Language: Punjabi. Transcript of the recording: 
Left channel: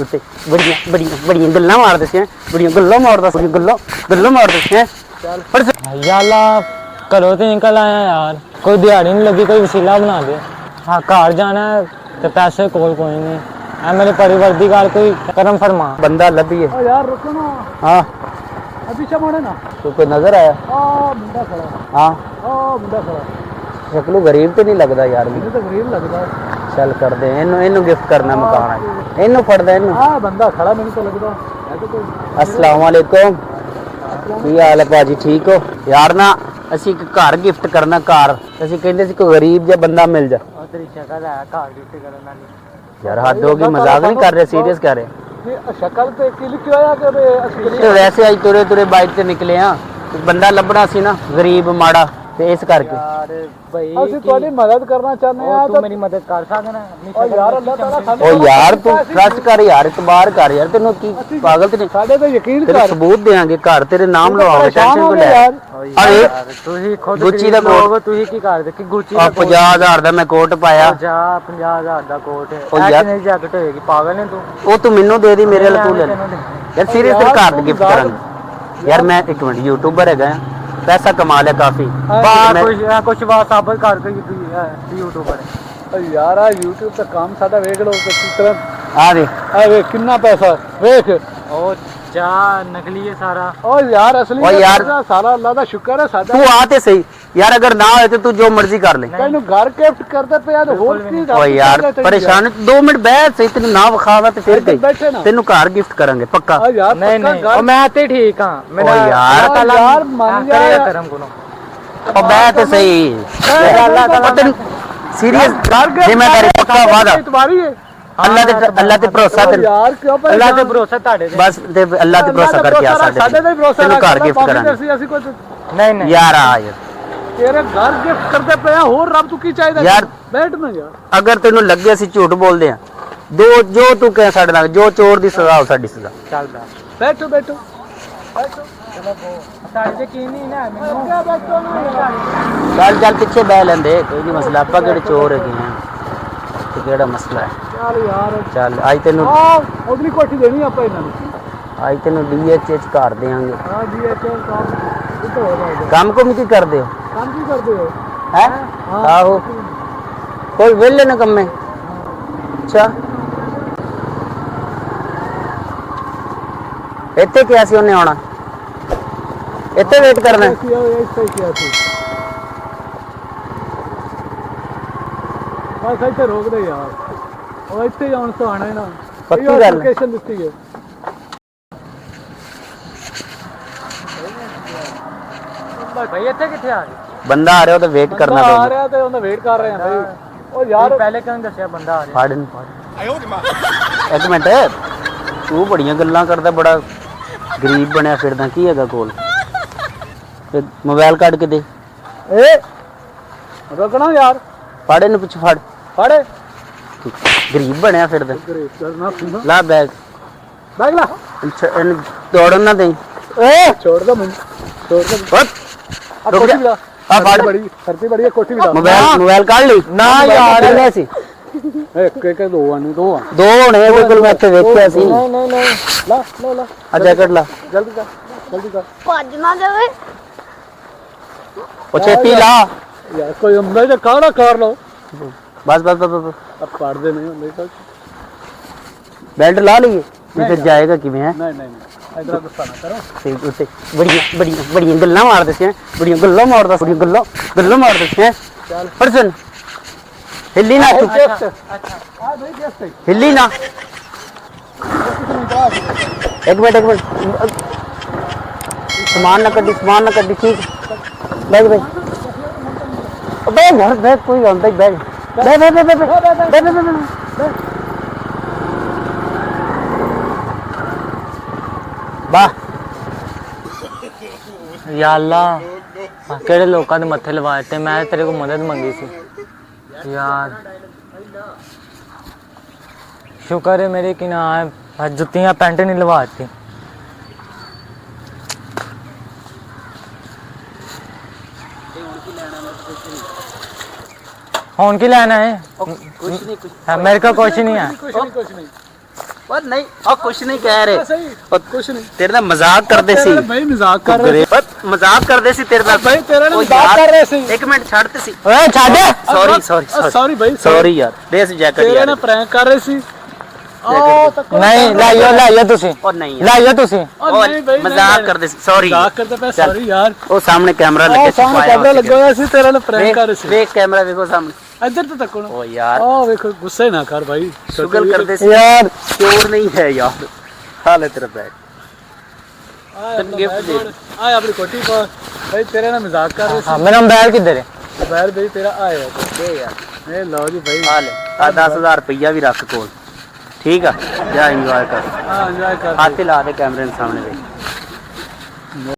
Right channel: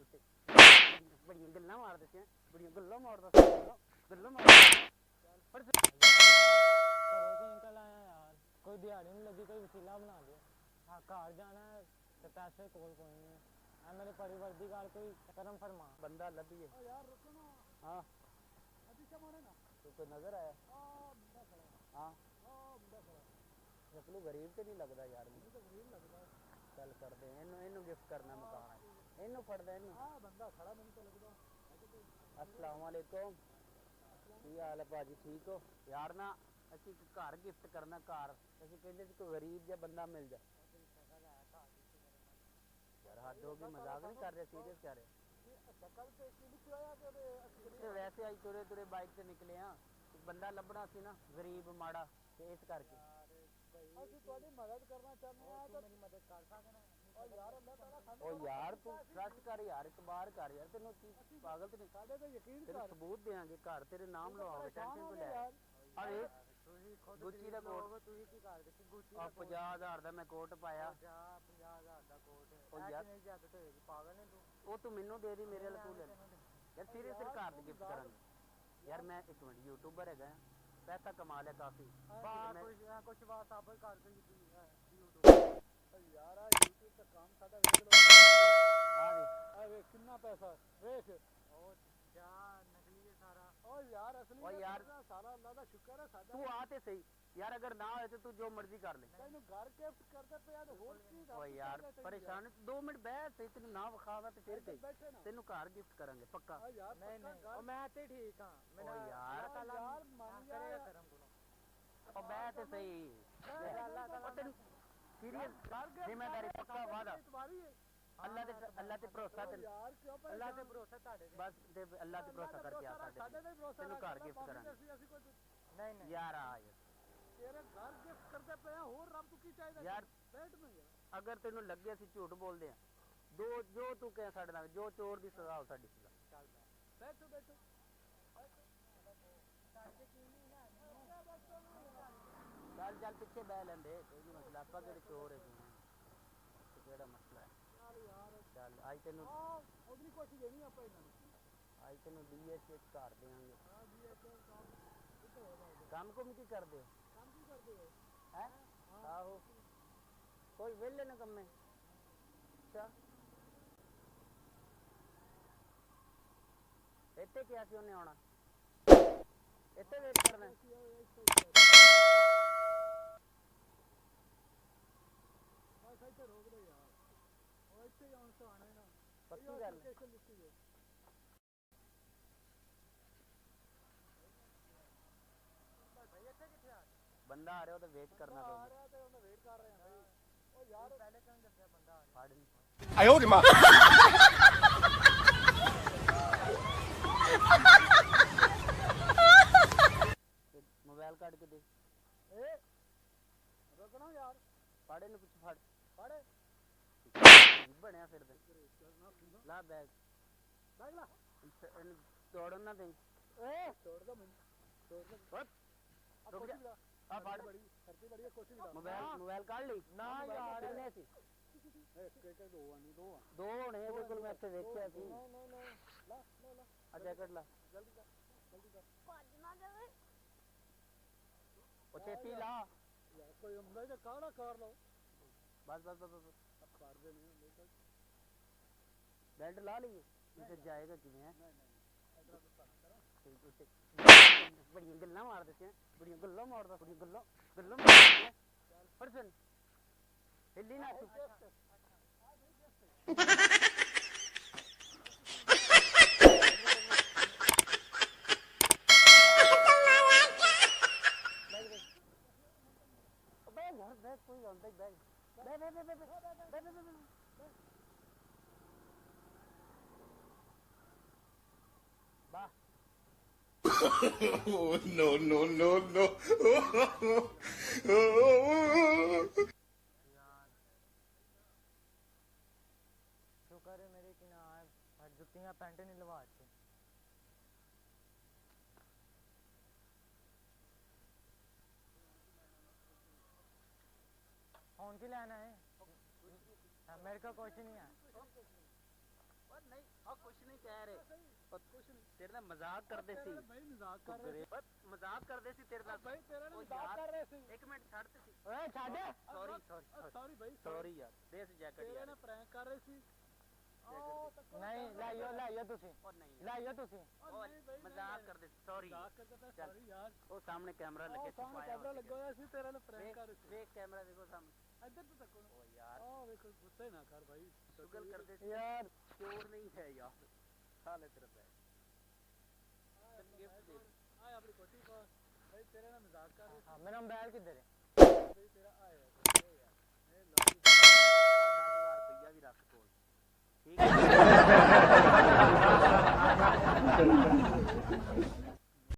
उत्ते बड़ियां बड़ियां बड़ियां गल्लां मार दसियां बड़ियां गल्लां मारदा सी गल्लां मार दसियां याला घरों तो निकल आया यार, कोई दिहाड़ी नहीं लगी, कोई वसीला बना दे। हाँ घर जाना है तो पैसे कोई नहीं है, मेरे परिवार की गल कोई करम फरमा। बंदा लभिए यार रुको ना। हाँ अभी मोड़े ना तो कोई नजर आया मुंडा खड़ा। हाँ मुंडा खड़ा शक्लों गरीब तो नहीं लगता यार मुझे तो गरीब लगता है। चल कर दे इनू गिफ्ट करना मकान इनू फड़दा इनू हाँ बंदा खड़ा मैंने तो लगता है तो कोई। अस्सलाम वालेकुम की हाल है भाजी ठीक हो यार ना ਅਸੀਂ ਇੱਕ ਘਰ ਗਿਫਟ ਕਰਨਾ ਘਰ ਅਸੀਂ ਕਹਿੰਦੇ ਸੀ ਕੋਈ ਗਰੀਬ ਜਿਹਾ ਬੰਦਾ ਮਿਲ ਜਾ ਤੇਰੀ ਸ਼ਕਲ ਹੈ ਘਰ ਗਿਫਟ ਕਰਨ ਵਾਲੀ ਯਾਰ ਹੱਦ ਹੋ ਗਈ ਮਜ਼ਾਕ ਨਹੀਂ ਕਰ ਰਹੇ ਸੀਰੀਅਸ ਕਰ ਰਹੇ नहीं शक्ल पे की लिखी होया कि ਤੇ ਵੈਸੇ ਅੱਜ ਤੁਰੇ ਤੁਰੇ ਬਾਈਕ ਤੇ ਨਿਕਲੇ ਆ ਬੰਦਾ ਲੱਭਣਾ ਸੀ ਨਾ ਗਰੀਬ ਮਾੜਾ ਤੇ ਇਸ ਕਰਕੇ यार भाई ਅਸੀਂ ਤੁਹਾਡੀ ਮਦਦ ਕਰਨਾ ਚਾਹੁੰਦੇ ਆ तू मेरी मदद कर सकना ਓ ਯਾਰ ਅੱਲਾਹ ਤਾਲਾ ਸਾਡੇ ਓ ਯਾਰ ਤੂੰ ਟਰਸਟ ਕਰ ਯਾਰ ਇਤਬਾਰ ਕਰ ਯਾਰ ਤੈਨੂੰ ਕੀ ਪਾਗਲ ਤੇ ਨਹੀਂ ਸਾਡੇ ਤੇ ਯਕੀਨ ਤੇਰੇ ਕਰ ਸਬੂਤ ਦੇਾਂਗੇ ਘਰ ਤੇਰੇ ਨਾਮ ਲਵਾਵਾਂਗੇ ਟੈਨਸ਼ਨ ਕੋ ਲੈ ਅਰੇ ਤੁਸੀਂ ਖੁਦ ਗੁੱਚੀ ਦਾ ਕੋਟ ਤੁਸੀਂ ਕੀ ਕਰਦੇ ਕਿ ਗੁੱਚੀ ਆ 50000 ਦਾ ਮੈਂ ਕੋਟ ਪਾਇਆ ਜਾ 50000 ਦਾ ਕੋਟ ਓ ਹੈ ਯਾਰ ਕਿੰਨੀ ਜੈਕਟ ਹੋਏਗੀ ਪਾਗਲ ਨੇ ਤੂੰ ਉਹ ਤੂੰ ਮੈਨੂੰ ਦੇ ਦੀ ਮੇਰੇ ਨਾਲ ਤੂੰ ਲੈ ਯਾਰ ਸੀਰੀਅਸ ਤੇਰੇ ਘਰ ਦੇ ਗਿਫਟ ਕਰਾਂਗੇ ਯਾਰ ਮੈਂ ਇੱਕ ਮਿੰਟ ਯੂਟਿਊਬਰ ਹੈਗਾ पैसा कमा लिया काफी कुछ बात साबित कर यूट्यूबर ਓ ਯਾਰ ਆ YouTube ਤੇ ਕੰਮ ਸਾਡਾ ਵੇਖ ਲਓ ਕਿਸ ਤਰ੍ਹਾਂ आ दे ਆ ਵੇਖ ਕਿੰਨਾ ਪੈਸਾ ਵੇਖ ओ जा नकली है सारा ਓ ਯਾਰ ਅਸਲੀ ਓ ਯਾਰ ਸਾਰਾ ਅੱਲਾਹ ਦਾ ਸ਼ੁਕਰ ਹੈ ਸਾਡਾ तू आ ते सही यार अगर ना होए तो तू जो मर्जी कर ले ਤੈਨੂੰ ਘਰ ਗਿਫਟ ਕਰਦੇ ਪਿਆ ਤੇ ਹੋਰ ਕੀ ओ यार परेशान 2 मिनट बैठ सही तेन ना विखावा ते फिर बैठे ना। गई तेन घर गिफ्ट करेंगे पक्का ਓ ਯਾਰ नहीं ਪੱਕਾ नहीं ਘਰ ओ मैं ते ठीक हां ओ यार यार मान जा करेगा यार। करम को ओ बैठ सही अल्लाह ताला तेन सीरियस जिम्मेदारी पक्का वादा तुम्हारी है अल्लाह ते भरोसा ਓ तेन यार क्यों अल्लाह ते भरोसा ताड़े दे बस ते अल्लाह ते भरोसा करके आ ਸਾਡੇ ਤੇ ਭਰੋਸਾ तेन घर गिफ्ट करेंगे ਅਸੀਂ कुछ नहीं नहीं यार आ यार ਤੇਰੇ ਘਰ ਗਿਫਟ ਕਰਦੇ ਪਏ ਆ ਹੋਰ ਰੱਬ ਤੂੰ ਕੀ ਚਾਹੀਦਾ यार ਬੈਠ ਨਾ ਯਾਰ ਅਗਰ ਤੈਨੂੰ ਲੱਗੇ ਅਸੀਂ ਝੂਠ ਬੋਲਦੇ ਆ ਜੋ ਤੂੰ ਕਹਿ ਸਾਡੇ ਨਾਲ ਜੋ ਚੋਰ ਦੀ ਸਜ਼ਾ ਹੋ ਸਾਡੀ ਸਜ਼ਾ चल दा ਬੈਠੋ ਬੈਠੋ ताड़े ते की नहीं ना मेनू ਚੱਲ ਚੱਲ ਪਿੱਛੇ ਬਹਿ ਲੈਂਦੇ ਕੋਈ ਨਹੀਂ ਮਸਲਾ ਆਪਾਂ ਕਿਹੜੇ ਚੋਰ ਹੈਗੇ ਆ ਤੇ ਕਿਹੜਾ ਮਸਲਾ ਹੈ ਚੱਲ ਯਾਰ ਚੱਲ ਅੱਜ ਤੈਨੂੰ ਆ ਅਗਲੀ ਕੋਠੀ ਦੇਣੀ ਆਪਾਂ ਇਹਨਾਂ ਨੂੰ ਅੱਜ ਤੈਨੂੰ ਡੀਐਚਐਚ ਕਰ ਦੇਾਂਗੇ ਹਾਂ ਜੀ ਇਹ ਕਿਉਂ ਕੰਮ ਕਿਤੋਂ ਹੋ ਰਿਹਾ ਕੰਮ ਕੁਮ ਕੀ ਕਰਦੇ ਹੋ ਕੰਮ ਕੀ ਕਰਦੇ ਹੋ ਹੈ ਆਹੋ ਕੋਈ ਵਿਹਲੇ ਨਾ ਕੰਮੇ ਅੱਛਾ ਇੱਥੇ ਕਿਹਾ ਸੀ ਉਹਨੇ ਆਉਣਾ ਇੱਥੇ ਵੇਟ ਕਰਨਾ ਹੈ? ਇੱਥੇ ਕੀ ਸੀ ਬਸ ਇੱਥੇ ਰੋਕ ਦੇ ਯਾਰ ਉਹ ਇੱਥੇ ਜਾਣ ਤੋਂ ਆਣਾ ਹੈ ਨਾ ਪੱਕੀ ਗੱਲ ਹੈ। ਲੋਕੇਸ਼ਨ ਦਿੱਤੀ ਹੈ भाई इथे किथे आ गए ਬੰਦਾ ਆ ਰਿਹਾ ਉਹਦਾ ਵੇਟ ਕਰਨਾ ਆ ਪਊਗਾ ਰਿਹਾ ਤੇ ਉਹਦਾ ਵੇਟ ਕਰ ਰਹੇ ਆ ਭਾਈ ਉਹ ਯਾਰ पहले क्यों दसया बंदा आ रहा ਫੜ ਇਹਨੂੰ ਇੱਕ ਮਿੰਟ ਤੂੰ ਬੜੀਆਂ ਗੱਲਾਂ ਕਰਦਾ ਬੜਾ ਗਰੀਬ ਬਣਿਆ ਫਿਰਦਾ ਕੀ ਹੈਗਾ ਕੋਲ ਤੇ ਮੋਬਾਈਲ ਕੱਢ ਕੇ ਦੇ ਏ ਰੁਕਣਾ ਯਾਰ ਫੜ ਇਹਨੂੰ ਪਿੱਛੇ ਫੜ ਫੜੇ ਗਰੀਬ ਬਣਿਆ ਫਿਰਦਾ ਕਰਨਾ ਸੁਣਾ ਲਾ ਬੈਗ ਬੈਗ ਲਾ ਇਹਨੂੰ ਦੌੜਨ ਨਾ ਦੇਈ ਏ ਛੋੜ ਦੋ ਮੈਨੂੰ ਛੋੜ ਦੋ ਹਟ ਕੋਠੀ ਵੀ ਲਾ ਆ ਫੜ ਬੜੀ ਸਰਦੀ ਬੜੀ ਹੈ ਕੋਠੀ ਵੀ ਲਾ ਮੋਬਾਈਲ ਕੱਢ ਲਈ ना यार ਕਿੰਨੇ ਸੀ ਇੱਕ ਇੱਕ ਦੋ ਆ ਨਹੀਂ ਦੋ ਆ ਦੋ ਹੋਣੇ ਇਹਦੇ ਕੋਲ ਮੈਂ ਇੱਥੇ ਵੇਖਿਆ ਸੀ नहीं नहीं नहीं ਲਾ ਲਾ ਲਾ ਆ ਜੈਕਟ ਲਾ ਜਲਦੀ ਕਰ ਜਲਦੀ ਕਰ ਭੱਜ ਨਾ ਜਾਵੇ ਉਹ ਛੇਤੀ ਲਾ ਯਾਰ ਕੋਈ ਹੁੰਦਾ ਜੇ ਕਾਹਦਾ ਕਰ ਲਓ ਬਸ ਬਸ ਬਸ ਆ ਪੜਦੇ ਨਹੀਂ ਹੁੰਦੇ ਤਾਂ ਬੈਲਟ ਲਾ ਲਈਏ ਨਹੀਂ ਫਿਰ ਜਾਏਗਾ ਕਿਵੇਂ ਹੈ ਨਹੀਂ ਨਹੀਂ ਇਧਰ ਗੁੱਸਾ ਨਾ ਕਰੋ ਤੇ ਉੱਤੇ ਬੜੀਆਂ ਗੱਲਾਂ ਮਾਰਦੇ ਸੀ ਬੜੀਆਂ ਗੱਲਾਂ ਮਾਰਦੇ ਸੀ ਚੱਲ ਪਰਸਨ ਹਿੱਲੀ ਨਾ ਤੂੰ ਗਿਫਟ ਆ ਬਈ ਗਿਫਟ ਹਿੱਲੀ ਨਾ ਇੱਕ ਮਿੰਟ ਸਮਾਨ ਨਾ ਕੱਢੀ ਠੀਕ ਬੈਗ ਬੈਗ ਕੋਈ ਆਉਂਦਾ ਹੀ ਬੈਗ ਵਾਹ या अल्लाह केड़े लोकां दे मत्थे लवाए ते मैं तेरे को मदद मंगी सी यार शुक्र है मेरे कि ना जुत्तियां पैंट नहीं लवाती हुन की लेना है कुछ नहीं मेरे को कुछ नहीं है ਕੁਛ ਨਹੀਂ ਉਹ ਨਹੀਂ ਉਹ ਕੁਛ ਨਹੀਂ ਕਹਿ ਰਹੇ ਸਹੀ ਉਹ ਕੁਛ ਨਹੀਂ ਤੇਰੇ ਨਾਲ ਮਜ਼ਾਕ ਕਰਦੇ ਸੀ ਭਾਈ ਮਜ਼ਾਕ ਕਰ ਰਹੇ ਪਰ ਮਜ਼ਾਕ ਕਰਦੇ ਸੀ ਤੇਰੇ ਨਾਲ ਭਾਈ ਤੇਰੇ ਨਾਲ ਉਹ ਮਜ਼ਾਕ ਯਾਰ, ਕਰ ਰਹੇ ਸੀ ਇੱਕ ਮਿੰਟ ਛੱਡਤੇ ਸੀ ਓਏ ਛੱਡ ਸੌਰੀ ਭਾਈ ਸੌਰੀ ਯਾਰ ਦੇ ਸੀ ਜੈਕਟ ਤੇਰੇ ਯਾਰ ਨਾਲ ਪ੍ਰੈਂਕ ਕਰ ਰਹੇ ਸੀ ਉਹ ਤੱਕ ਨਹੀਂ ਲਾਈਓ ਤੁਸੀਂ ਉਹ ਨਹੀਂ ਯਾਰ, ਲਾਈਓ ਤੁਸੀਂ ਉਹ ਨਹੀਂ ਬਈ, ਮਜ਼ਾਕ ਨਹੀਂ। ਕਰਦੇ ਸੀ ਸੌਰੀ ਮਜ਼ਾਕ ਕਰਦਾ ਪਿਆ ਸੌਰੀ ਯਾਰ ਉਹ ਸਾਹਮਣੇ ਕੈਮਰਾ ਲੱਗੇ ਉਹ ਸਾਹਮਣੇ ਕੈਮਰਾ ਲੱਗਾ ਹੋਇਆ ਸੀ ਤੇਰੇ ਨਾਲ ਪ੍ਰੈਂਕ ਕਰ ਰਹੇ ਸੀ ਵੇਖ ਕੈਮਰਾ ਵੇਖੋ ਸਾਹਮਣੇ ਇੱਧਰ ਤਾਂ ਤੱਕੋ ਉਹ ਯਾਰ ਉਹ ਵੇਖੋ ਗੁੱਸੇ ਨਾ ਕਰ ਭਾਈ ਸ਼ੁਗਲ ਕਰਦੇ ਸੀ ਯਾਰ ਚੋਰ ਨਹੀਂ ਹੈ ਯਾਰ ਹਾਲੇ ਤੇਰਾ ਬੈਗ ਤੈਨੂੰ gift ਦੇ ਆ ਆਪਣੀ ਕੋਟੀ ਪਾ ਭਾਈ ਤੇਰੇ ਨਾਲ ਮਜ਼ਾਕ ਕਰ ਰਹੇ ਹਾਂ ਮੇਰਾ ਮੋਬਾਈਲ ਕਿੱਧਰ ਹੈ ਸੀ ਬਾਹਰ ਭਾਈ ਤੇਰਾ ਆਇਆ ਦੇ ਯਾਰ ਇਹ ਲਓ ਜੀ ਭਾਈ ਹਾਲੇ ਆ 10000 ਰੁਪਈਆ ਵੀ ਰੱਖ ਕੋਲ ਠੀਕ ਆ ਜਾ ਇੰਜੋਏ ਕਰ ਹਾਂ ਜਾ ਹੱਥ ਲਾ ਦੇ ਕੈਮਰੇ ਦੇ ਸਾਹਮਣੇ